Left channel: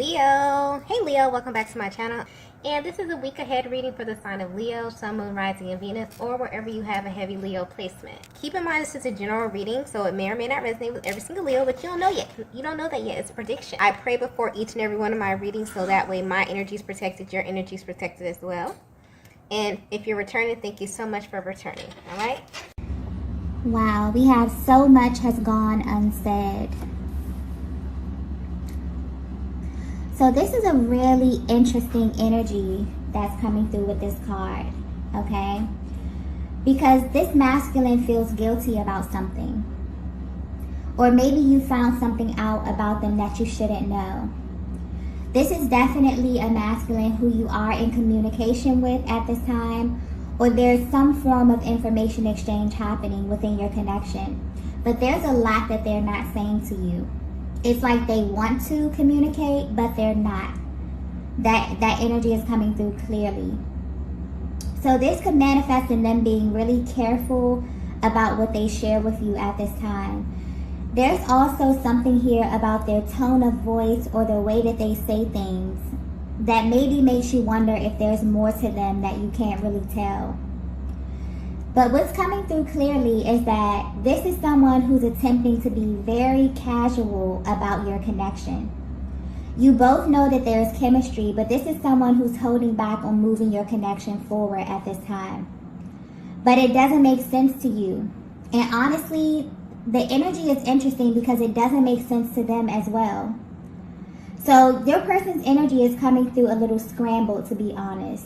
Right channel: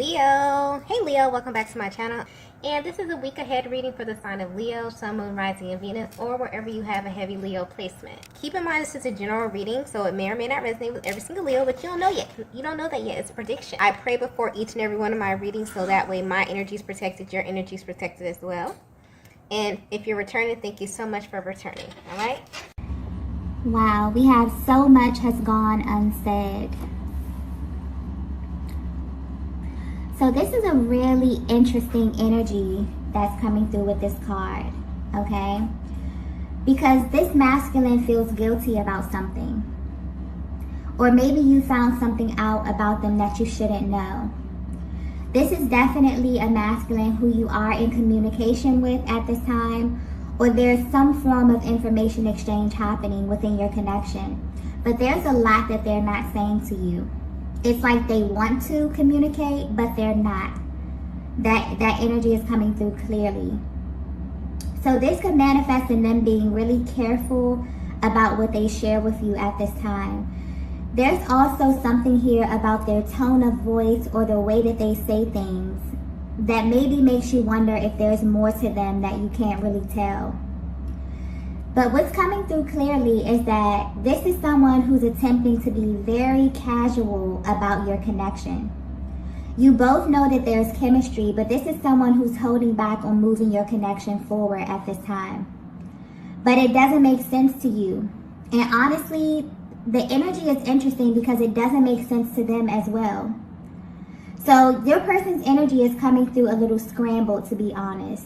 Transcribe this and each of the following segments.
Leo. Hey Leo, welcome back to my channel. And this is a week ahead reading for the sign of Leo, Sun, Moon, Rising, and Venus, or wherever you have a heavy Leo placement. Keep in mind this is a general reading, so it may or may not resonate with every single Leo, but you don't know yet. You don't know that yet. It's a prediction. I pray before each and every one of my readings, so that way my energy is protected, your energy is protected as well. And if you're returning, thank you so much for returning. All right? Wow, we have so much has gone unsaid. So this is a really interesting energy that's coming through with this card, okay? Because this masculine feels guilty about something. Or maybe you found something out about them that you shouldn't know. This is definitely a masculine who you are in communication with at this time, or there's some form of information exchange happening within your connection. But there's a lot that they're not saying to you. It's like they want to communicate, but they're not. That energy is coming through clearly. So this could manifest in them being really careful about what they share with you at this time. There's also something here about their tone of voice or the way that they say things that maybe makes you wonder if there's more to them that you can't really tell. But what's coming through clearly is that this is someone who's attempting to be very casual about your connection. You both know that there's chemistry, but this is someone who's holding back on moving your connection forward at this time. But it doesn't make sense to you. And honestly, the energy is interesting because it doesn't make sense to them as well. So your person's energy is coming through a little scrambled, to be honest.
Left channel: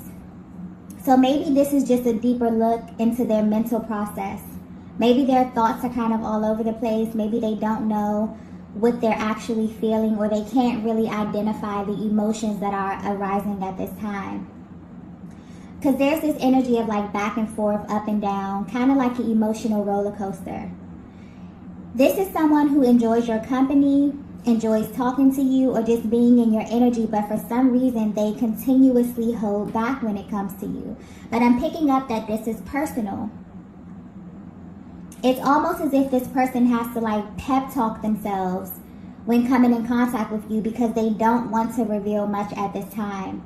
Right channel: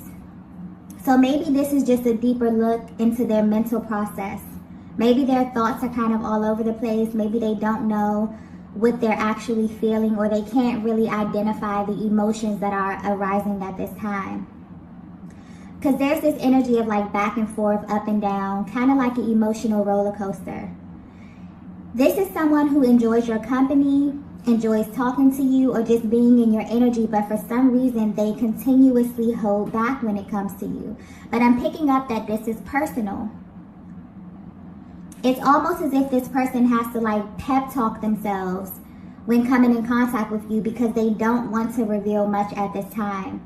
So maybe this is just a deeper look into their mental process. Maybe their thoughts are kind of all over the place. Maybe they don't know what they're actually feeling, or they can't really identify the emotions that are arising at this time. Because there's this energy of like back and forth, up and down, kind of like an emotional roller coaster. This is someone who enjoys your company, enjoys talking to you, or just being in your energy, but for some reason they continuously hold back when it comes to you. But I'm picking up that this is personal. It's almost as if this person has to like pep talk themselves when coming in contact with you because they don't want to reveal much at this time.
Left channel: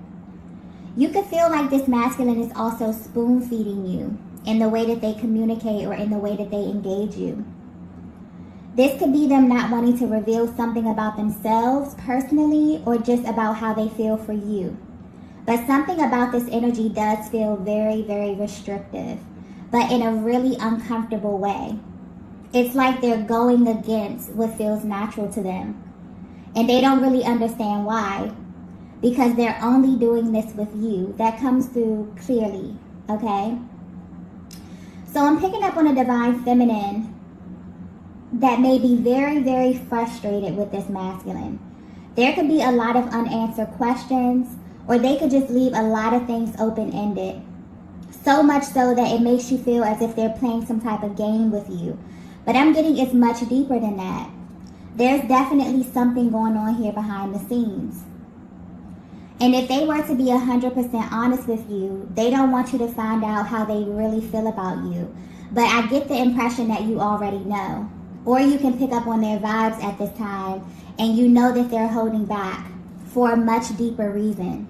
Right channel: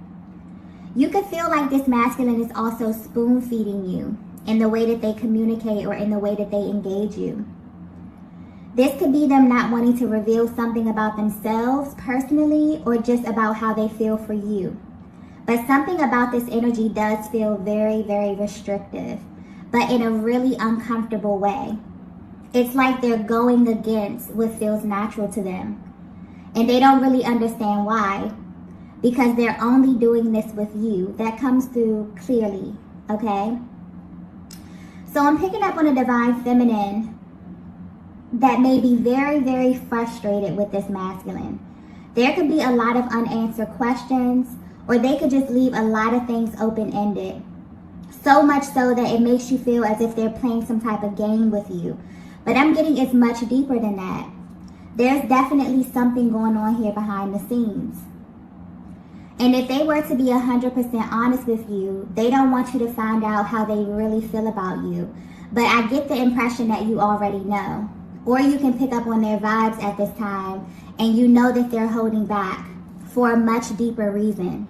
You could feel like this masculine is also spoon feeding you in the way that they communicate or in the way that they engage you. This could be them not wanting to reveal something about themselves personally or just about how they feel for you. But something about this energy does feel very, very restrictive, but in a really uncomfortable way. It's like they're going against what feels natural to them. And they don't really understand why, because they're only doing this with you. That comes through clearly, okay? So I'm picking up on a divine feminine that may be very, very frustrated with this masculine. There could be a lot of unanswered questions, or they could just leave a lot of things open-ended. So much so that it makes you feel as if they're playing some type of game with you. But I'm getting it's much deeper than that. There's definitely something going on here behind the scenes. And if they were to be 100% honest with you, they don't want you to find out how they really feel about you. But I get the impression that you already know. Or you can pick up on their vibes at this time, and you know that they're holding back for a much deeper reason.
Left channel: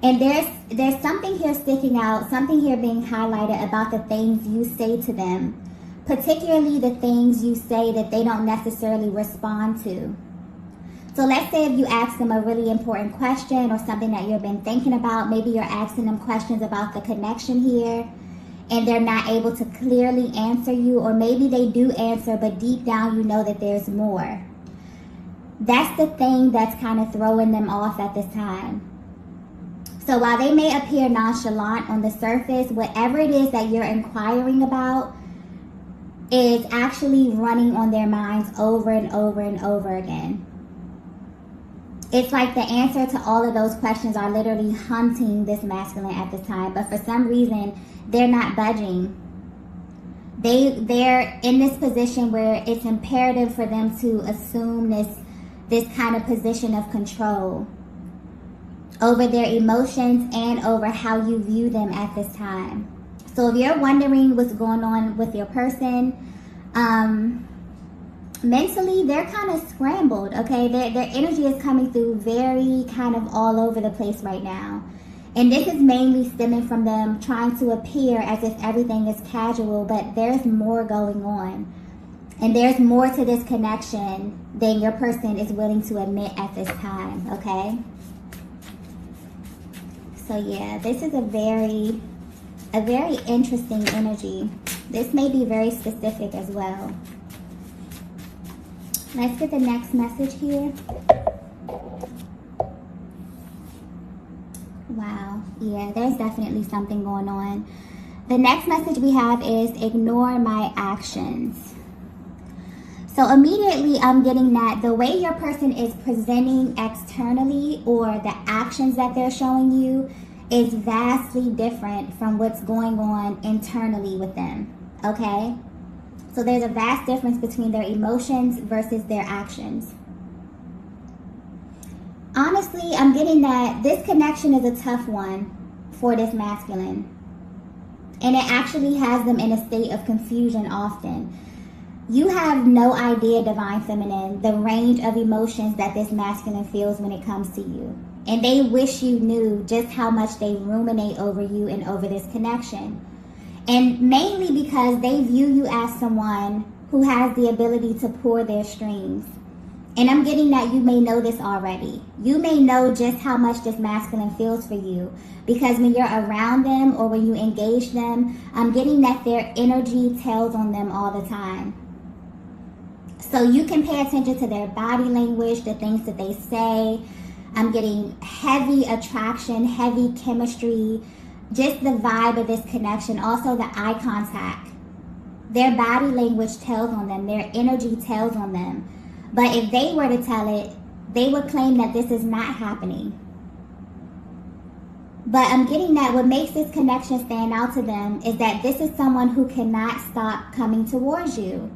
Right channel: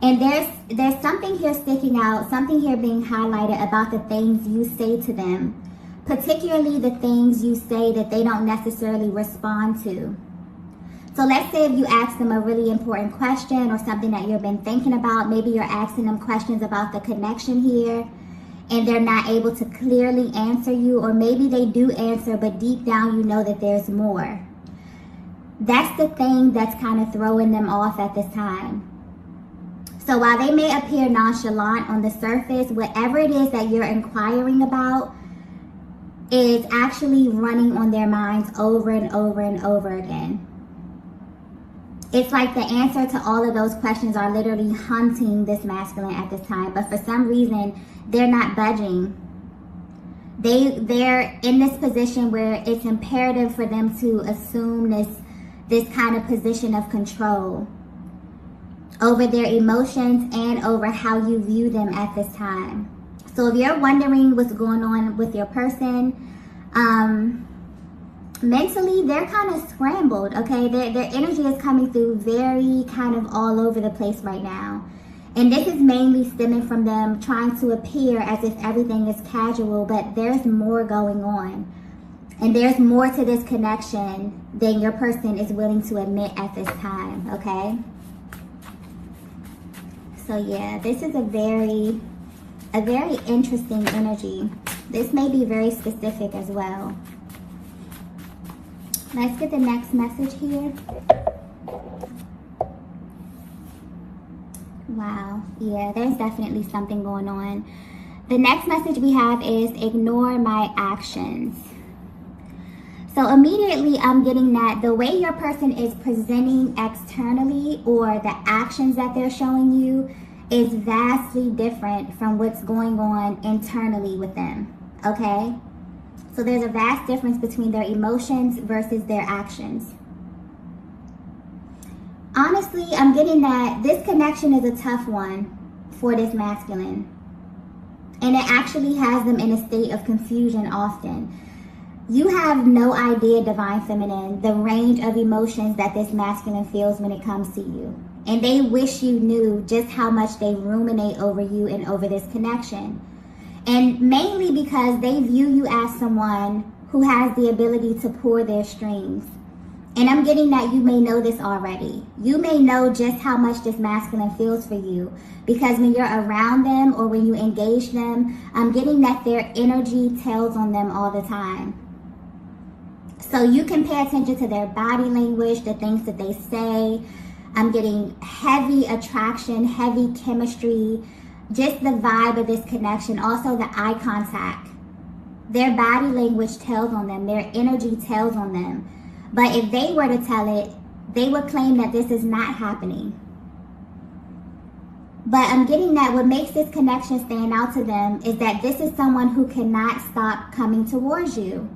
And there's something here sticking out, something here being highlighted about the things you say to them, particularly the things you say that they don't necessarily respond to. So let's say if you ask them a really important question or something that you've been thinking about, maybe you're asking them questions about the connection here, and they're not able to clearly answer you, or maybe they do answer, but deep down you know that there's more. That's the thing that's kind of throwing them off at this time. So while they may appear nonchalant on the surface, whatever it is that you're inquiring about is actually running on their minds over and over and over again. It's like the answer to all of those questions are literally hunting this masculine at this time, but for some reason, they're not budging. They're in this position where it's imperative for them to assume this kind of position of control over their emotions and over how you view them at this time. So if you're wondering what's going on with your person, mentally, they're kind of scrambled, okay? Their energy is coming through very kind of all over the place right now. And this is mainly stemming from them trying to appear as if everything is casual, but there's more going on. And there's more to this connection than your person is willing to admit at this time, okay? So yeah, this is a very interesting energy. This may be very specific as well. Let's get the next message here. Wow, yeah, there's definitely something going on. The next message we have is ignore my actions. So immediately I'm getting that the way your person is presenting externally or the actions that they're showing you is vastly different from what's going on internally with them, okay? So there's a vast difference between their emotions versus their actions. Honestly, I'm getting that this connection is a tough one for this masculine. And it actually has them in a state of confusion often. You have no idea, Divine Feminine, the range of emotions that this masculine feels when it comes to you. And they wish you knew just how much they ruminate over you and over this connection. And mainly because they view you as someone who has the ability to pull their strings. And I'm getting that you may know this already. You may know just how much this masculine feels for you. Because when you're around them or when you engage them, I'm getting that their energy tells on them all the time. So you can pay attention to their body language, the things that they say. I'm getting heavy attraction, heavy chemistry, just the vibe of this connection. Also the eye contact. Their body language tells on them. Their energy tells on them. But if they were to tell it, they would claim that this is not happening. But I'm getting that what makes this connection stand out to them is that this is someone who cannot stop coming towards you.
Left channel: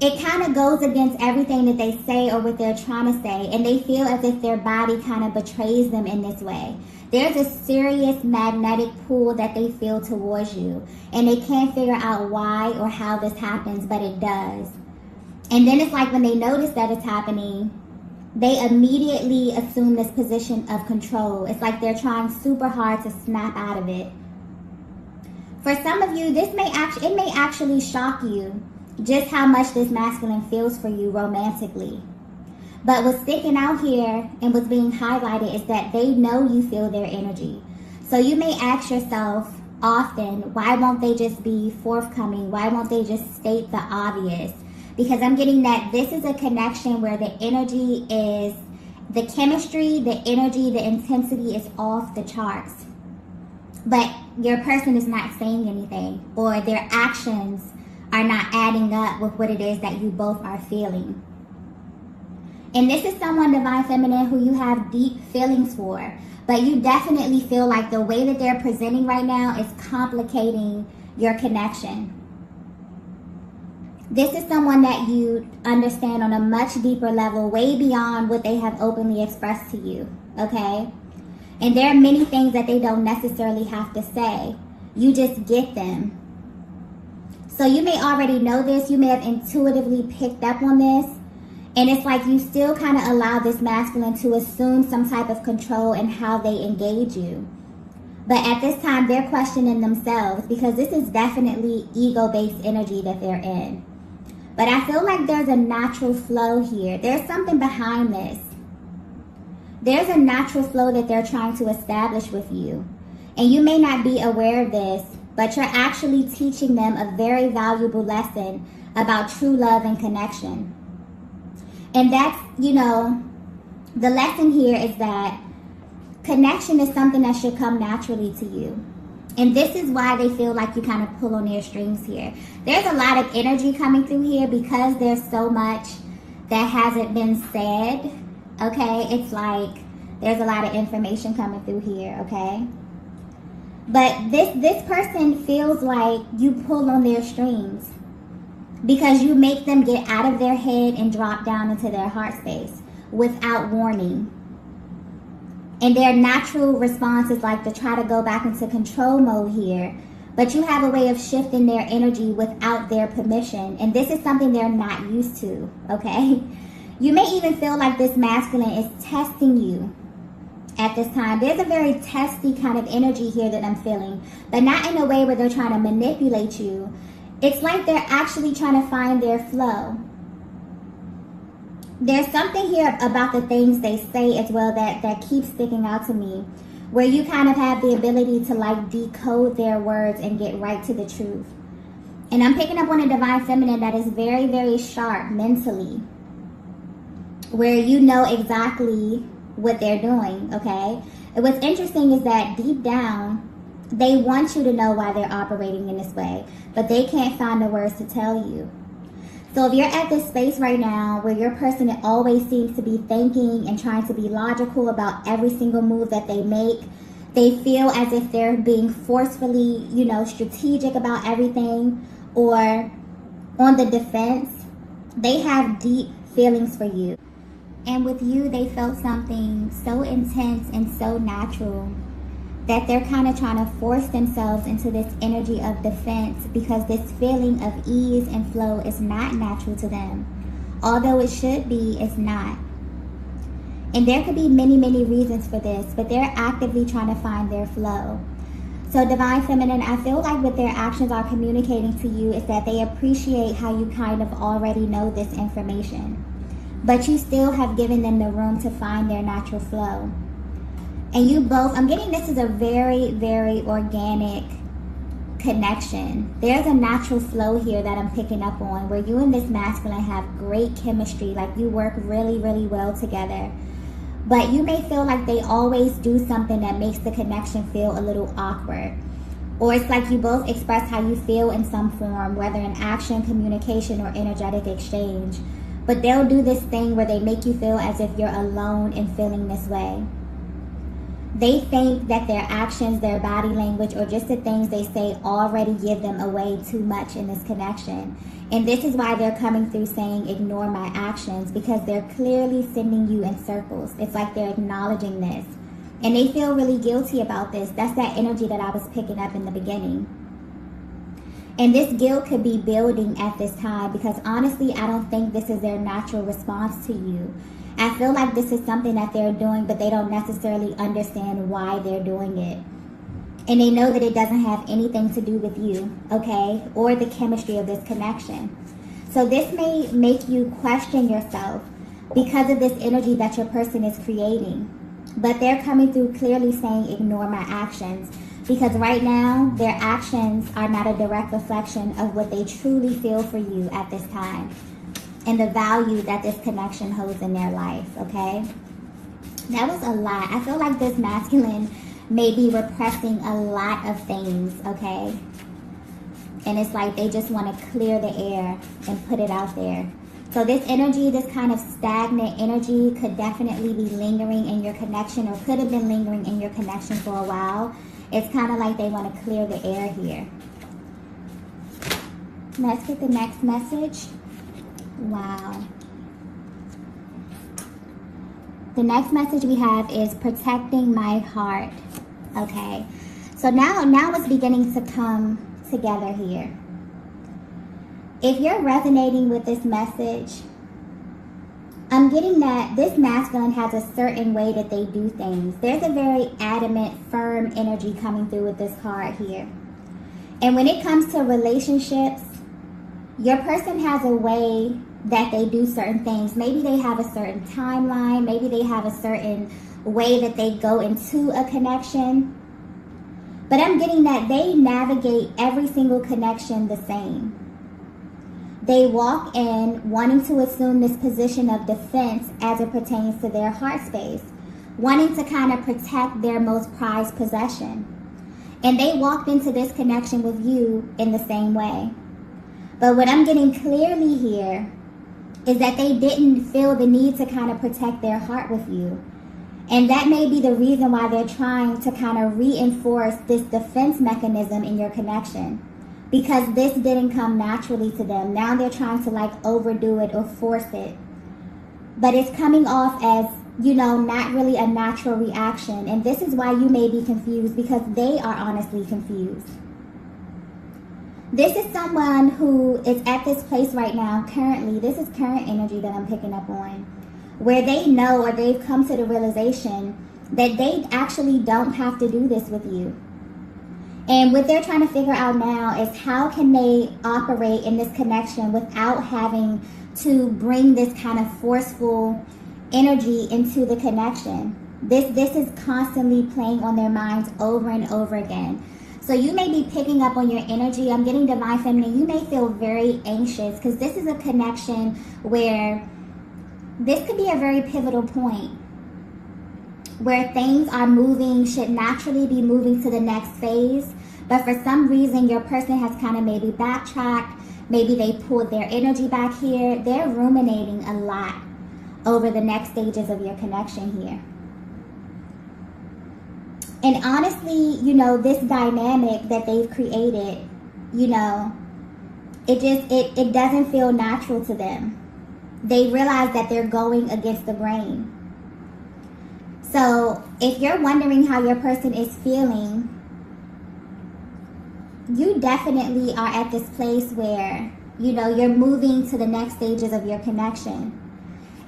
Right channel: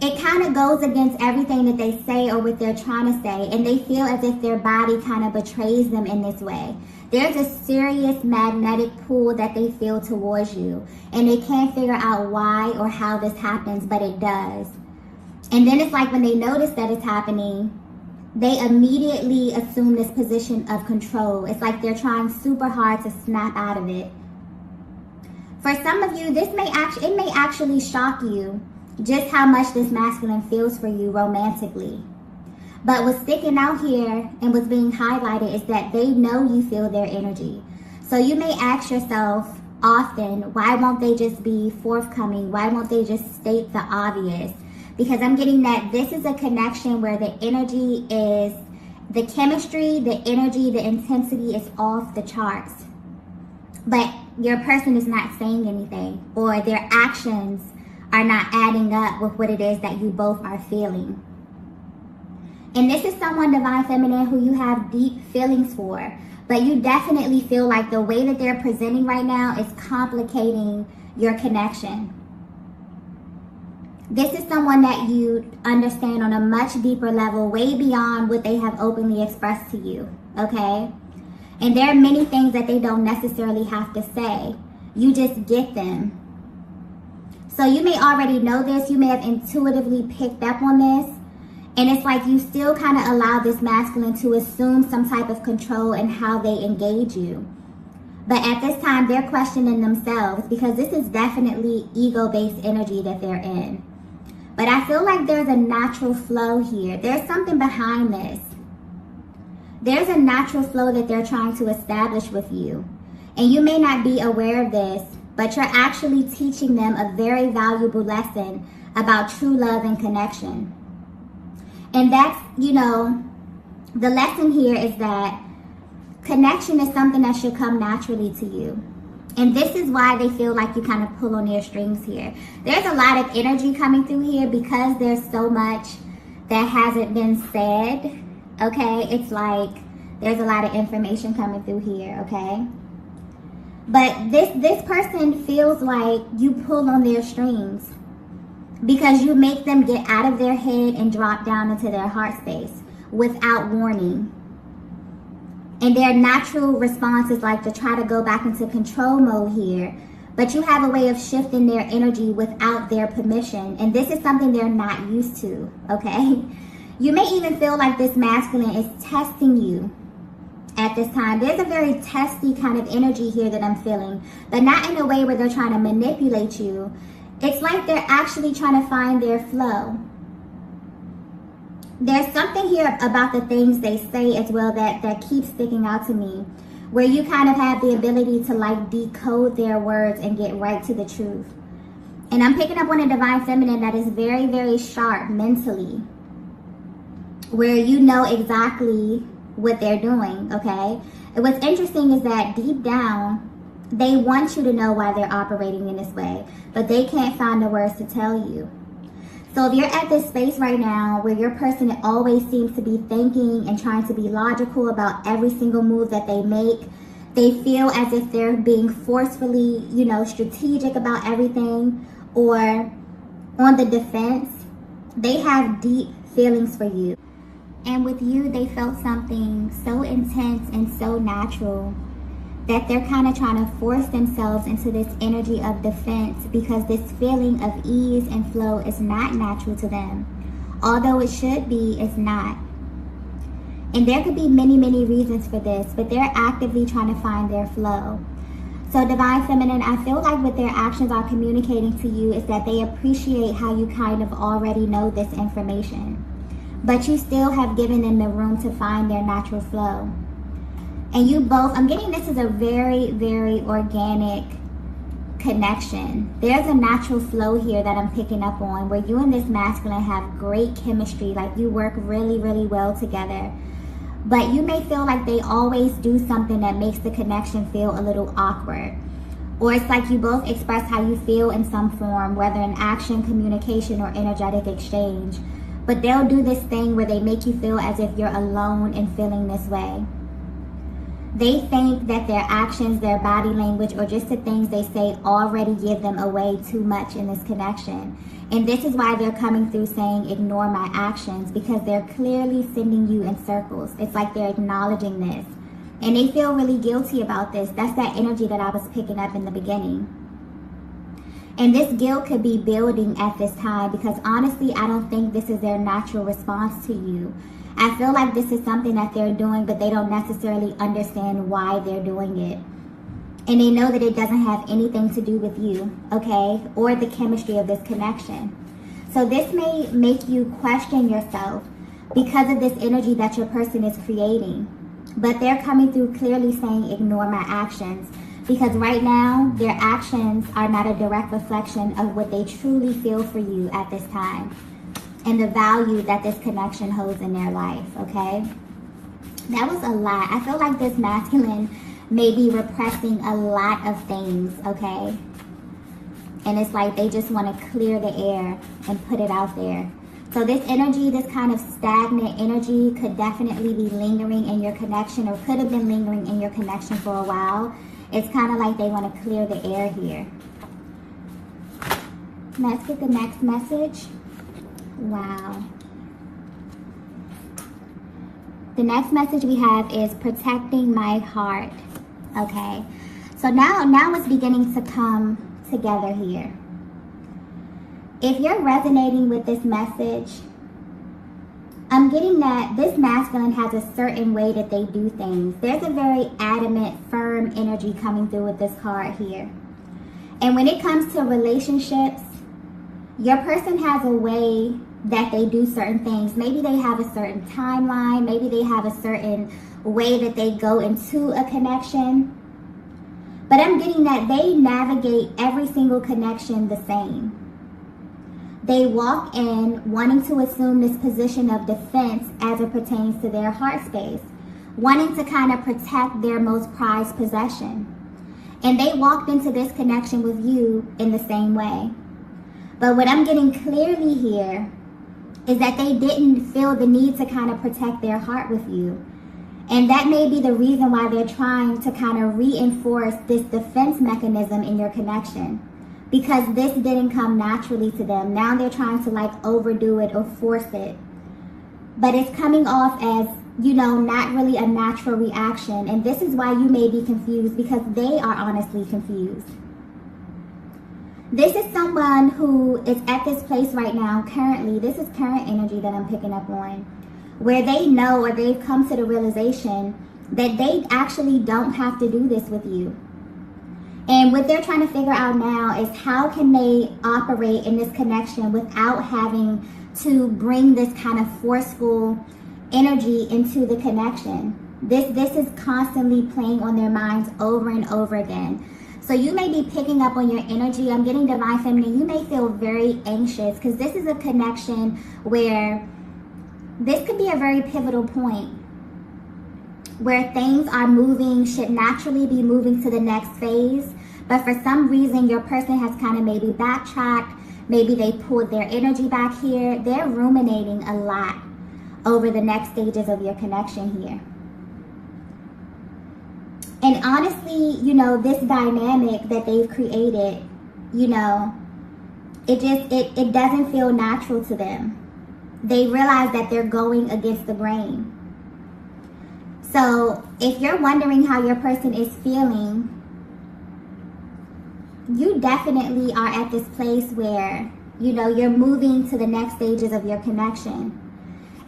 It kind of goes against everything that they say or what they're trying to say, and they feel as if their body kind of betrays them in this way. There's a serious magnetic pull that they feel towards you, and they can't figure out why or how this happens, but it does. And then it's like when they notice that it's happening, they immediately assume this position of control. It's like they're trying super hard to snap out of it. For some of you, it may actually shock you just how much this masculine feels for you romantically. But what's sticking out here and what's being highlighted is that they know you feel their energy. So you may ask yourself often, why won't they just be forthcoming? Why won't they just state the obvious? Because I'm getting that this is a connection where the energy is, the chemistry, the energy, the intensity is off the charts. But your person is not saying anything, or their actions are not adding up with what it is that you both are feeling. And this is someone, Divine Feminine, who you have deep feelings for. But you definitely feel like the way that they're presenting right now is complicating your connection. This is someone that you understand on a much deeper level, way beyond what they have openly expressed to you, okay? And there are many things that they don't necessarily have to say. You just get them. So you may already know this. You may have intuitively picked up on this. And it's like you still kind of allow this masculine to assume some type of control in how they engage you. But at this time, they're questioning themselves because this is definitely ego-based energy that they're in. But I feel like there's a natural flow here. There's something behind this. There's a natural flow that they're trying to establish with you. And you may not be aware of this, but you're actually teaching them a very valuable lesson about true love and connection. And that's, the lesson here is that connection is something that should come naturally to you. And this is why they feel like you kind of pull on their strings here. There's a lot of energy coming through here because there's so much that hasn't been said, okay? It's like there's a lot of information coming through here, okay? But this person feels like you pull on their strings because you make them get out of their head and drop down into their heart space without warning. And their natural response is like to try to go back into control mode here. But you have a way of shifting their energy without their permission. And this is something they're not used to, okay? You may even feel like this masculine is testing you at this time. There's a very testy kind of energy here that I'm feeling, but not in a way where they're trying to manipulate you. It's like they're actually trying to find their flow. There's something here about the things they say as well that keeps sticking out to me, where you kind of have the ability to like decode their words and get right to the truth. And I'm picking up on a divine feminine that is very, very sharp mentally, where you know exactly what they're doing, okay? And what's interesting is that deep down, they want you to know why they're operating in this way, but they can't find the words to tell you. So if you're at this space right now where your person always seems to be thinking and trying to be logical about every single move that they make, they feel as if they're being forcefully, strategic about everything or on the defense, they have deep feelings for you. And with you, they felt something so intense and so natural that they're kind of trying to force themselves into this energy of defense because this feeling of ease and flow is not natural to them. Although it should be, it's not. And there could be many, many reasons for this, but they're actively trying to find their flow. So Divine Feminine, I feel like what their actions are communicating to you is that they appreciate how you kind of already know this information, but you still have given them the room to find their natural flow. And you both, I'm getting this is a very, very organic connection. There's a natural flow here that I'm picking up on where you and this masculine have great chemistry, like you work really, really well together. But you may feel like they always do something that makes the connection feel a little awkward. Or it's like you both express how you feel in some form, whether in action, communication, or energetic exchange. But they'll do this thing where they make you feel as if you're alone in feeling this way. They think that their actions, their body language, or just the things they say already give them away too much in this connection. And this is why they're coming through saying, ignore my actions, because they're clearly sending you in circles. It's like they're acknowledging this. And they feel really guilty about this. That's that energy that I was picking up in the beginning. And this guilt could be building at this time because honestly, I don't think this is their natural response to you. I feel like this is something that they're doing, but they don't necessarily understand why they're doing it. And they know that it doesn't have anything to do with you, okay? Or the chemistry of this connection. So this may make you question yourself because of this energy that your person is creating. But they're coming through clearly saying, ignore my actions. Because right now, their actions are not a direct reflection of what they truly feel for you at this time. And the value that this connection holds in their life, okay? That was a lot. I feel like this masculine may be repressing a lot of things, okay? And it's like they just want to clear the air and put it out there. So this energy, this kind of stagnant energy could definitely be lingering in your connection or could have been lingering in your connection for a while. It's kind of like they want to clear the air here. Let's get the next message. Wow. The next message we have is protecting my heart. Okay. So now it's beginning to come together here. If you're resonating with this message, I'm getting that this masculine has a certain way that they do things. There's a very adamant, firm energy coming through with this card here. And when it comes to relationships, your person has a way that they do certain things. Maybe they have a certain timeline. Maybe they have a certain way that they go into a connection. But I'm getting that they navigate every single connection the same. They walk in wanting to assume this position of defense as it pertains to their heart space, wanting to kind of protect their most prized possession. And they walked into this connection with you in the same way. But what I'm getting clearly here is that they didn't feel the need to kind of protect their heart with you. And that may be the reason why they're trying to kind of reinforce this defense mechanism in your connection. Because this didn't come naturally to them. Now they're trying to like overdo it or force it. But it's coming off as, not really a natural reaction. And this is why you may be confused, because they are honestly confused. This is someone who is at this place right now, currently. This is current energy that I'm picking up on, where they know or they've come to the realization that they actually don't have to do this with you. And what they're trying to figure out now is how can they operate in this connection without having to bring this kind of forceful energy into the connection. This is constantly playing on their minds over and over again. So you may be picking up on your energy. I'm getting divine feminine. You may feel very anxious because this is a connection where this could be a very pivotal point where things are moving, should naturally be moving to the next phase. But for some reason, your person has kind of maybe backtracked. Maybe they pulled their energy back here. They're ruminating a lot over the next stages of your connection here. And honestly, you know, this dynamic that they've created, you know, it doesn't feel natural to them. They realize that they're going against the grain. So if you're wondering how your person is feeling, you definitely are at this place where, you know, you're moving to the next stages of your connection.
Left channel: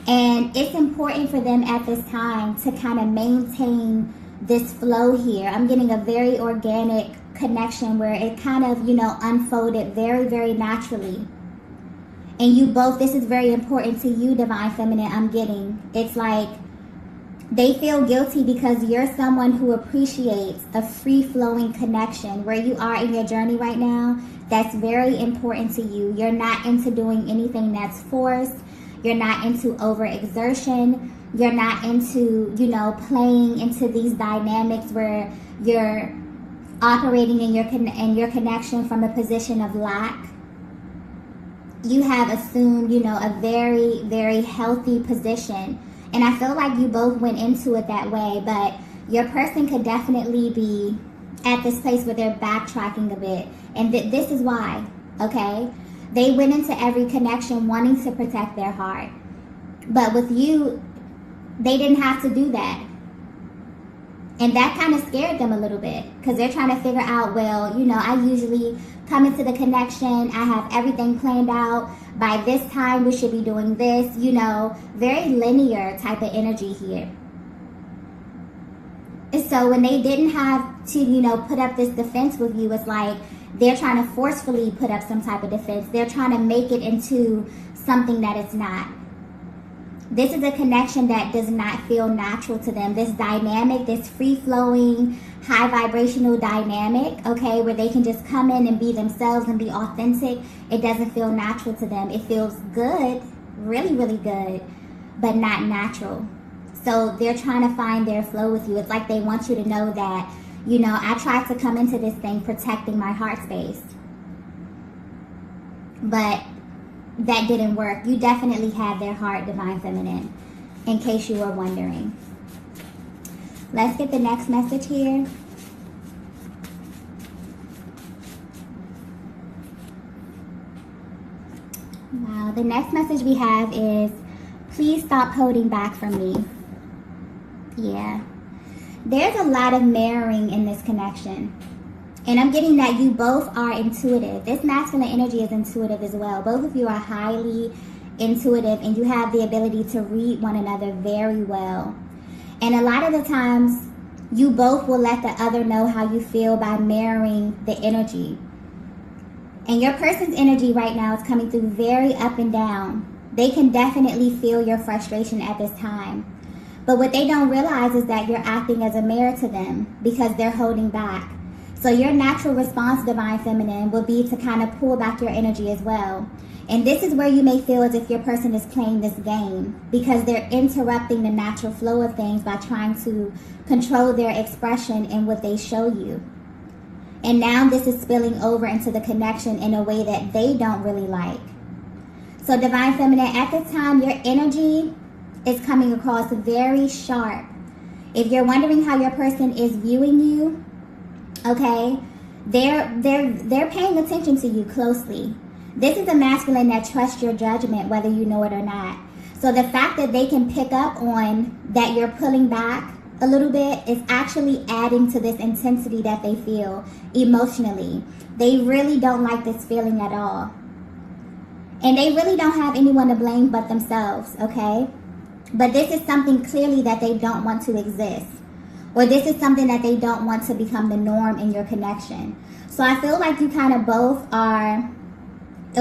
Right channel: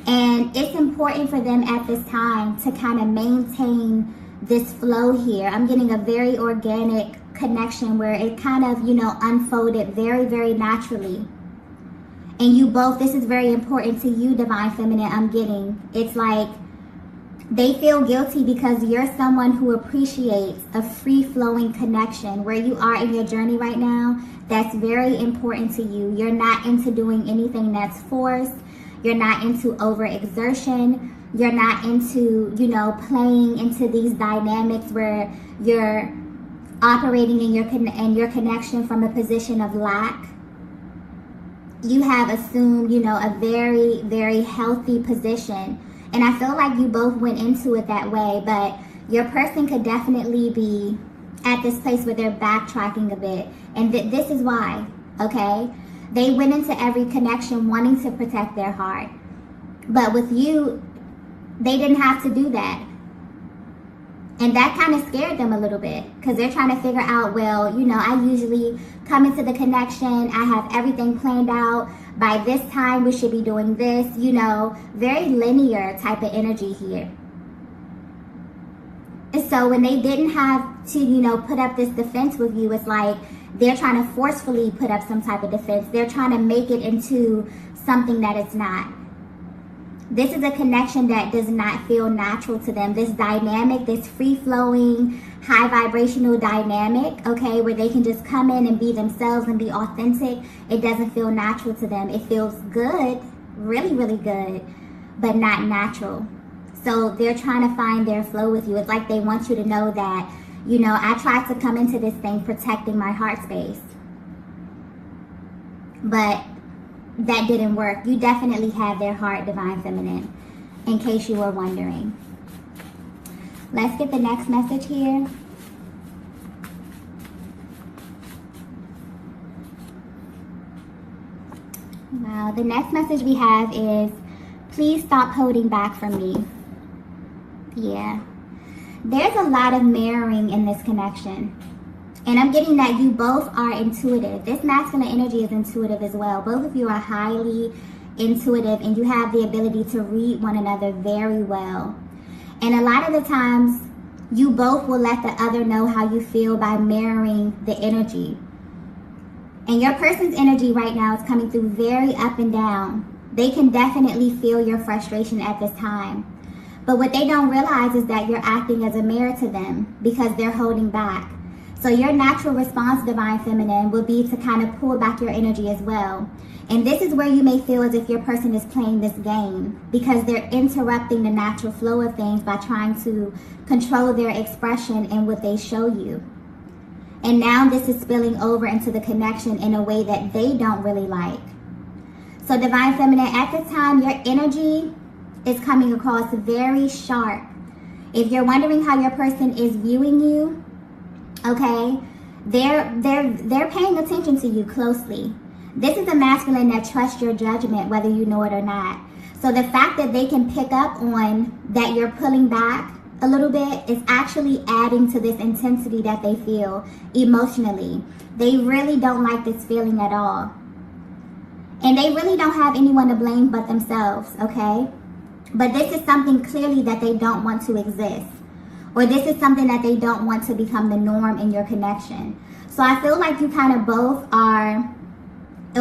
And it's important for them at this time to kind of maintain this flow here. I'm getting a very organic connection where it kind of, you know, unfolded very, very naturally. And you both, this is very important to you, divine feminine, I'm getting. It's like they feel guilty because you're someone who appreciates a free-flowing connection where you are in your journey right now. That's very important to you. You're not into doing anything that's forced. You're not into overexertion. You're not into, you know, playing into these dynamics where you're operating in your connection from a position of lack. You have assumed, you know, a very, very healthy position. And I feel like you both went into it that way, but your person could definitely be at this place where they're backtracking a bit. And this is why, okay? They went into every connection wanting to protect their heart. But with you, they didn't have to do that. And that kind of scared them a little bit because they're trying to figure out, well, you know, I usually come into the connection. I have everything planned out. By this time, we should be doing this, you know, very linear type of energy here. And so when they didn't have to, you know, put up this defense with you, it's like they're trying to forcefully put up some type of defense. They're trying to make it into something that it's not. This is a connection that does not feel natural to them. This dynamic, this free-flowing, high vibrational dynamic, okay, where they can just come in and be themselves and be authentic, it doesn't feel natural to them. It feels good, really, really good, but not natural. So they're trying to find their flow with you. It's like they want you to know that, you know, I tried to come into this thing protecting my heart space, but that didn't work. You definitely have their heart, divine feminine, in case you were wondering. Let's get the next message here. Wow, the next message we have is, please stop holding back from me. Yeah. There's a lot of mirroring in this connection. And I'm getting that you both are intuitive. This masculine energy is intuitive as well. Both of you are highly intuitive and you have the ability to read one another very well. And a lot of the times, you both will let the other know how you feel by mirroring the energy. And your person's energy right now is coming through very up and down. They can definitely feel your frustration at this time. But what they don't realize is that you're acting as a mirror to them because they're holding back. So your natural response, divine feminine, will be to kind of pull back your energy as well. And this is where you may feel as if your person is playing this game because they're interrupting the natural flow of things by trying to control their expression and what they show you. And now this is spilling over into the connection in a way that they don't really like. So divine feminine, at this time, your energy is coming across very sharp. If you're wondering how your person is viewing you, okay, they're paying attention to you closely. This is a masculine that trusts your judgment, whether you know it or not. So the fact that they can pick up on that you're pulling back, a little bit is actually adding to this intensity that they feel emotionally. They really don't like this feeling at all. And they really don't have anyone to blame but themselves, okay? But this is something clearly that they don't want to exist. Or this is something that they don't want to become the norm in your connection. So I feel like you kind of both are,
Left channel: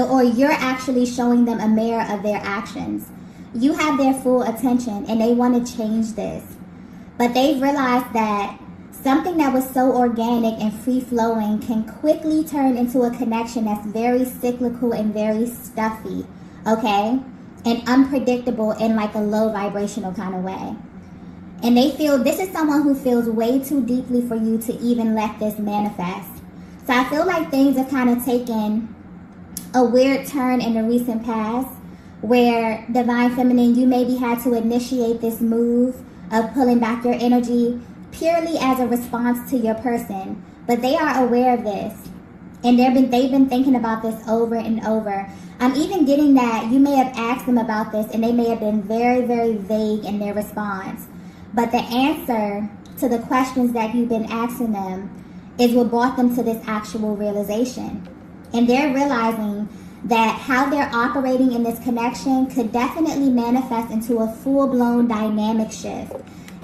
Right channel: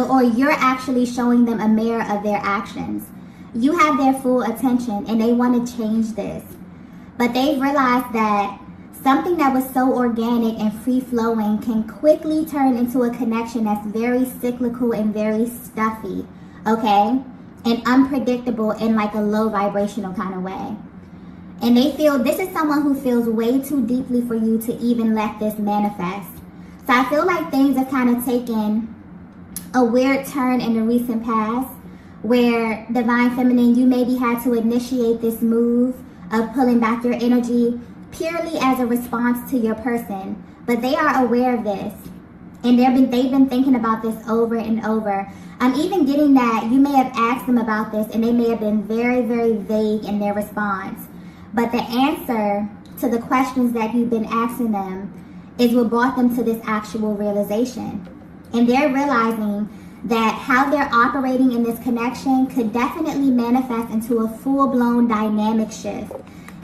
or you're actually showing them a mirror of their actions. You have their full attention and they want to change this. But they've realized that something that was so organic and free-flowing can quickly turn into a connection that's very cyclical and very stuffy, okay? And unpredictable in like a low vibrational kind of way. And they feel this is someone who feels way too deeply for you to even let this manifest. So I feel like things have kind of taken a weird turn in the recent past where Divine Feminine, you maybe had to initiate this move of pulling back your energy purely as a response to your person. But they are aware of this. And they've been thinking about this over and over. I'm even getting that you may have asked them about this and they may have been very, very vague in their response. But the answer to the questions that you've been asking them is what brought them to this actual realization. And they're realizing that how they're operating in this connection could definitely manifest into a full-blown dynamic shift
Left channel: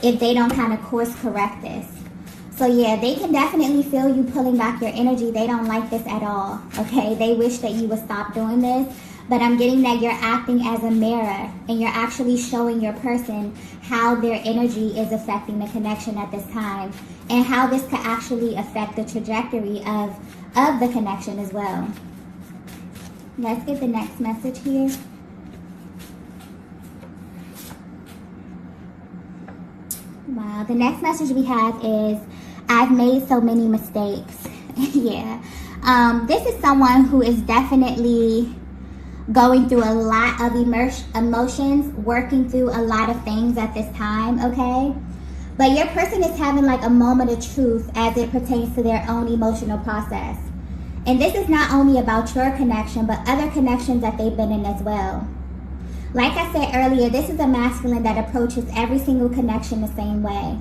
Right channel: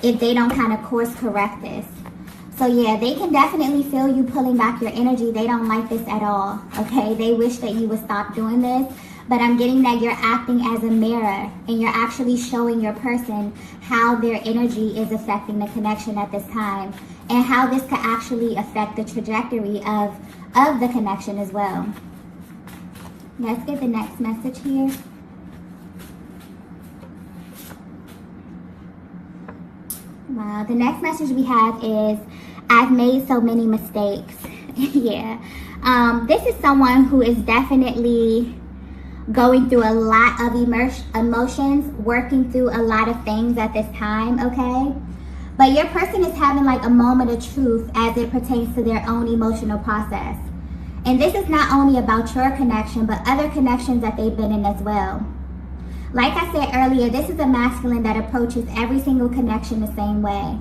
if they don't kind of course correct this. So yeah, they can definitely feel you pulling back your energy. They don't like this at all, okay? They wish that you would stop doing this. But I'm getting that you're acting as a mirror and you're actually showing your person how their energy is affecting the connection at this time and how this could actually affect the trajectory of the connection as well. Let's get the next message here. Wow, the next message we have is, I've made so many mistakes. Yeah. This is someone who is definitely going through a lot of emotions, working through a lot of things at this time, okay? But your person is having like a moment of truth as it pertains to their own emotional process. And this is not only about your connection, but other connections that they've been in as well. Like I said earlier, this is a masculine that approaches every single connection the same way.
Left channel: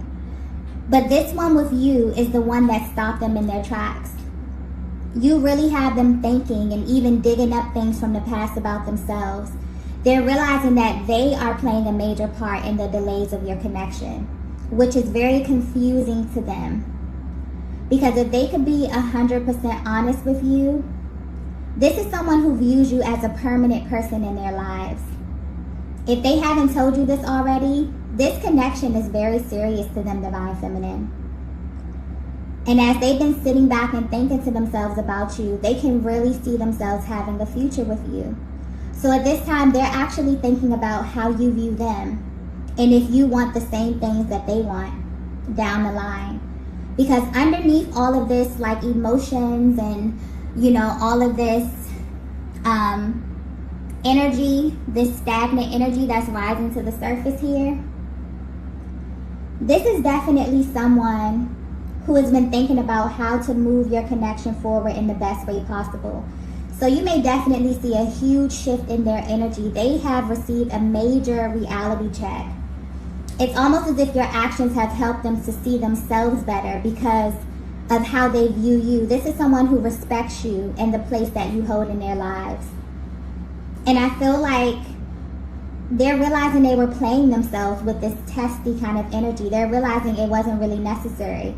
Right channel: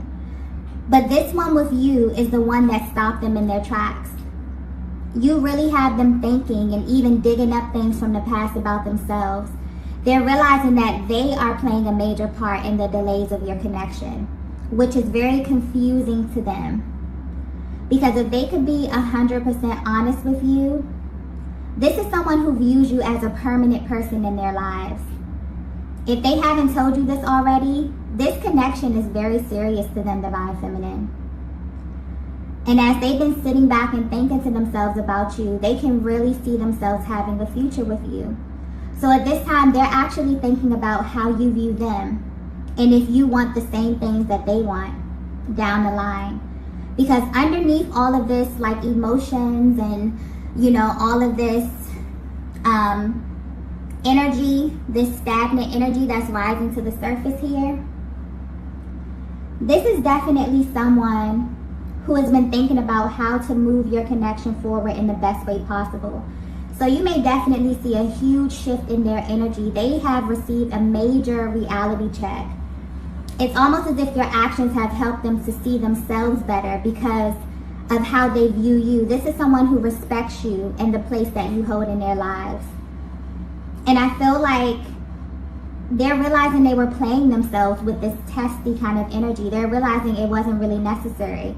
But this one with you is the one that stopped them in their tracks. You really have them thinking and even digging up things from the past about themselves. They're realizing that they are playing a major part in the delays of your connection, which is very confusing to them. Because if they could be 100% honest with you, this is someone who views you as a permanent person in their lives. If they haven't told you this already, this connection is very serious to them, Divine Feminine. And as they've been sitting back and thinking to themselves about you, they can really see themselves having a future with you. So at this time, they're actually thinking about how you view them and if you want the same things that they want down the line. Because underneath all of this, like emotions and, you know, all of this energy, this stagnant energy that's rising to the surface here, this is definitely someone who has been thinking about how to move your connection forward in the best way possible. So you may definitely see a huge shift in their energy. They have received a major reality check. It's almost as if your actions have helped them to see themselves better because of how they view you. This is someone who respects you and the place that you hold in their lives. And I feel like they're realizing they were playing themselves with this testy kind of energy. They're realizing it wasn't really necessary,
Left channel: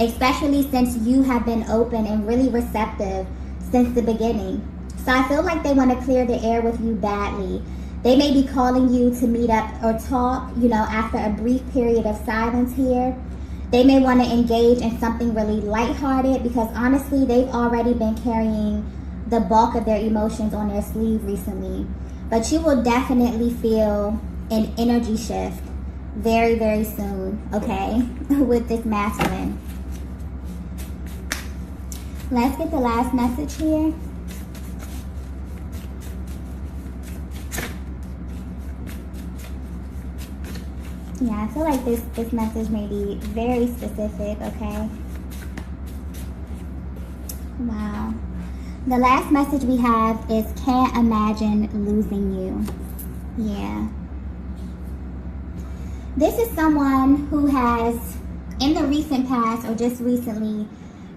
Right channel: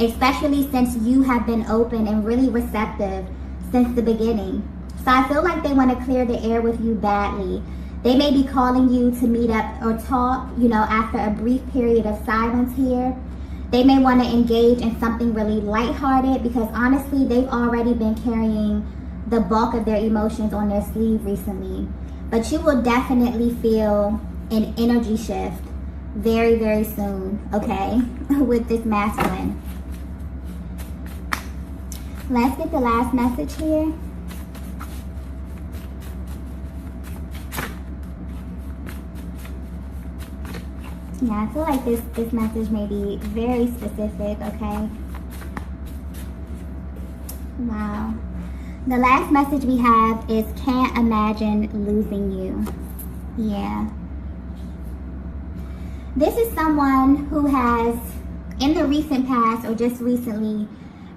especially since you have been open and really receptive since the beginning. So I feel like they want to clear the air with you badly. They may be calling you to meet up or talk, you know, after a brief period of silence here. They may want to engage in something really lighthearted because honestly, they've already been carrying the bulk of their emotions on their sleeve recently. But you will definitely feel an energy shift very, very soon, okay, with this masculine. Let's get the last message here. Yeah, I feel like this message may be very specific, okay? Wow. The last message we have is, can't imagine losing you. Yeah. This is someone who has, in the recent past or just recently,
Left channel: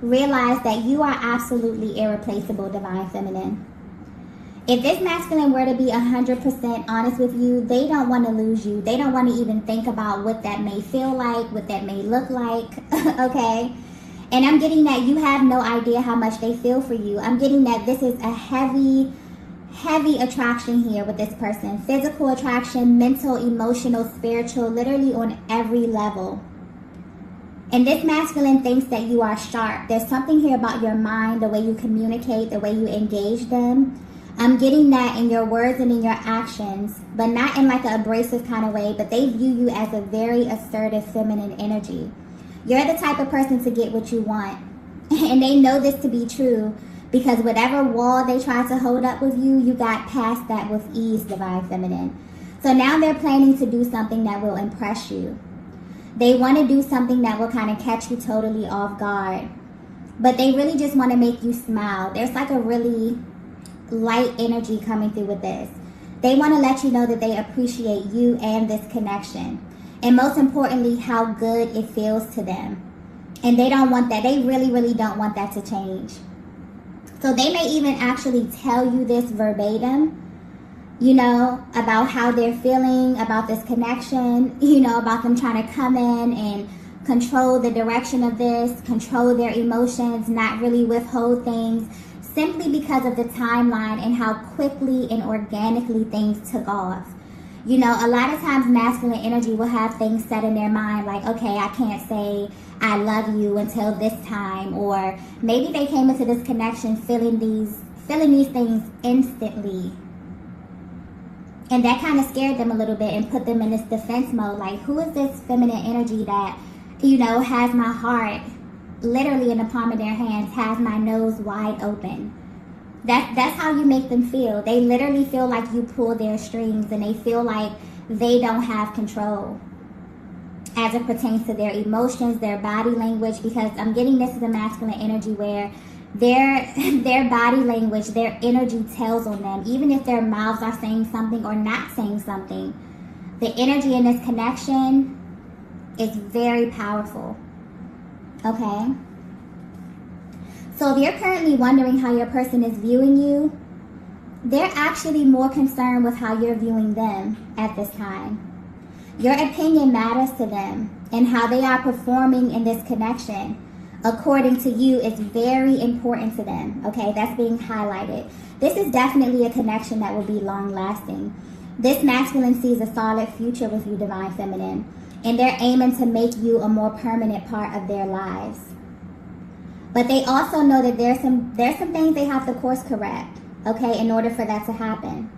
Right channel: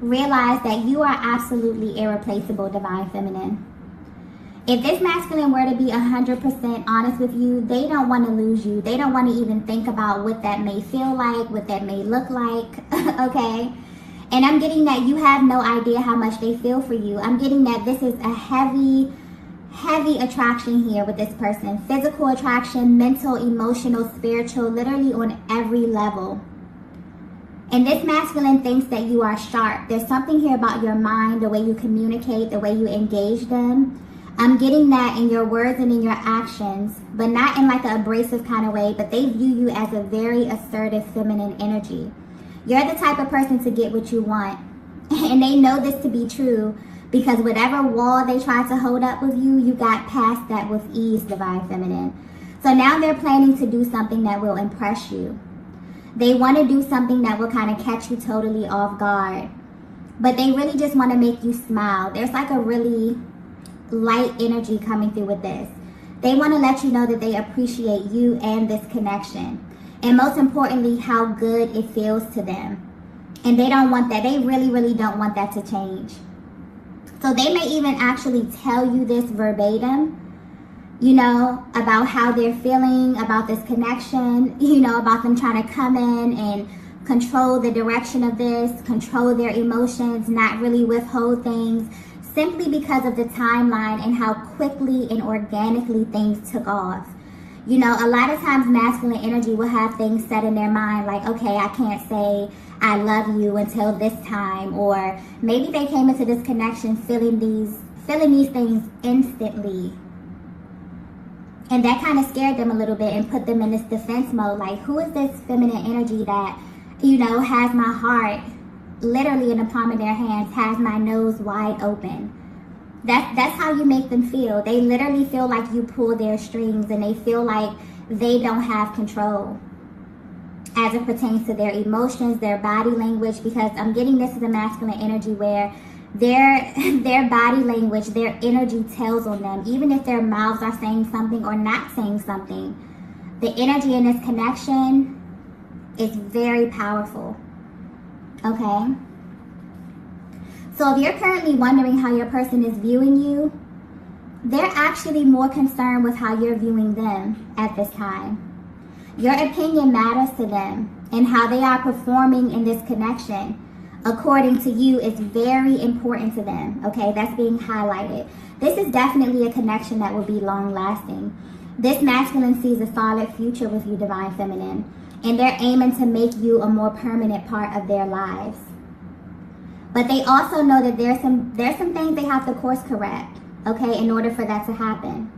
realized that you are absolutely irreplaceable, Divine Feminine. If this masculine were to be 100% honest with you, they don't want to lose you. They don't want to even think about what that may feel like, what that may look like, okay? And I'm getting that you have no idea how much they feel for you. I'm getting that this is a heavy attraction here with this person. Physical attraction, mental, emotional, spiritual, literally on every level. And this masculine thinks that you are sharp. There's something here about your mind, the way you communicate, the way you engage them. I'm getting that in your words and in your actions, but not in like an abrasive kind of way, but they view you as a very assertive feminine energy. You're the type of person to get what you want. And they know this to be true because whatever wall they tried to hold up with you, you got past that with ease, Divine Feminine. So now they're planning to do something that will impress you. They want to do something that will kind of catch you totally off guard. But they really just want to make you smile. There's like a really light energy coming through with this. They want to let you know that they appreciate you and this connection. And most importantly, how good it feels to them. And they don't want that. They really don't want that to change. So they may even actually tell you this verbatim, you know, about how they're feeling, about this connection, you know, about them trying to come in and control the direction of this, control their emotions, not really withhold things, simply because of the timeline and how quickly and organically things took off. You know, a lot of times masculine energy will have things set in their mind like, okay, I can't say I love you until this time, or maybe they came into this connection feeling these things instantly. And that kind of scared them a little bit and put them in this defense mode, like, who is this feminine energy that, you know, has my heart literally in the palm of their hands, has my nose wide open. That's how you make them feel. They literally feel like you pull their strings, and they feel like they don't have control as it pertains to their emotions, their body language, because I'm getting this as a masculine energy where their body language, their energy tells on them, even if their mouths are saying something or not saying something. The energy in this connection is very powerful. Okay? So if you're currently wondering how your person is viewing you, they're actually more concerned with how you're viewing them at this time. Your opinion matters to them, and how they are performing in this connection, according to you, is very important to them. Okay, that's being highlighted. This is definitely a connection that will be long lasting. This masculine sees a solid future with you, Divine Feminine, and they're aiming to make you a more permanent part of their lives. But they also know that there's some things they have to course correct, okay, in order for that to happen.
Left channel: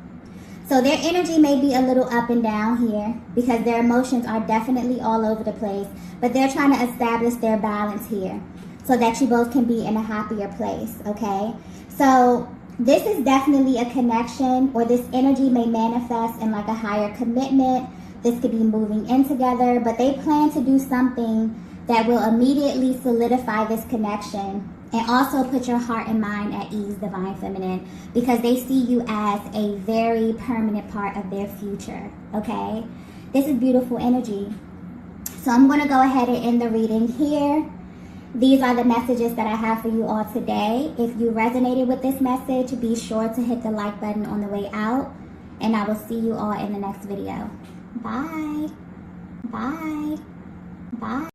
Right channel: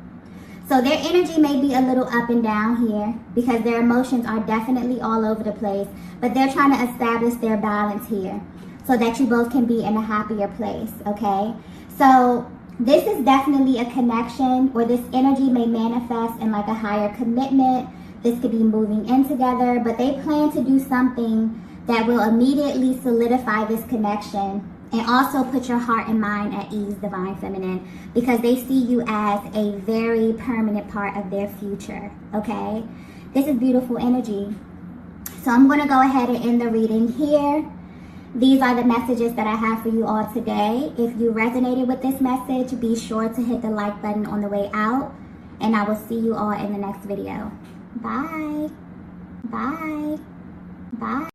So their energy may be a little up and down here because their emotions are definitely all over the place, but they're trying to establish their balance here so that you both can be in a happier place, okay? So this is definitely a connection, or this energy may manifest in like a higher commitment. This could be moving in together, but they plan to do something that will immediately solidify this connection and also put your heart and mind at ease, Divine Feminine, because they see you as a very permanent part of their future, okay? This is beautiful energy. So I'm going to go ahead and end the reading here. These are the messages that I have for you all today. If you resonated with this message, be sure to hit the like button on the way out, and I will see you all in the next video. Bye. Bye. Bye.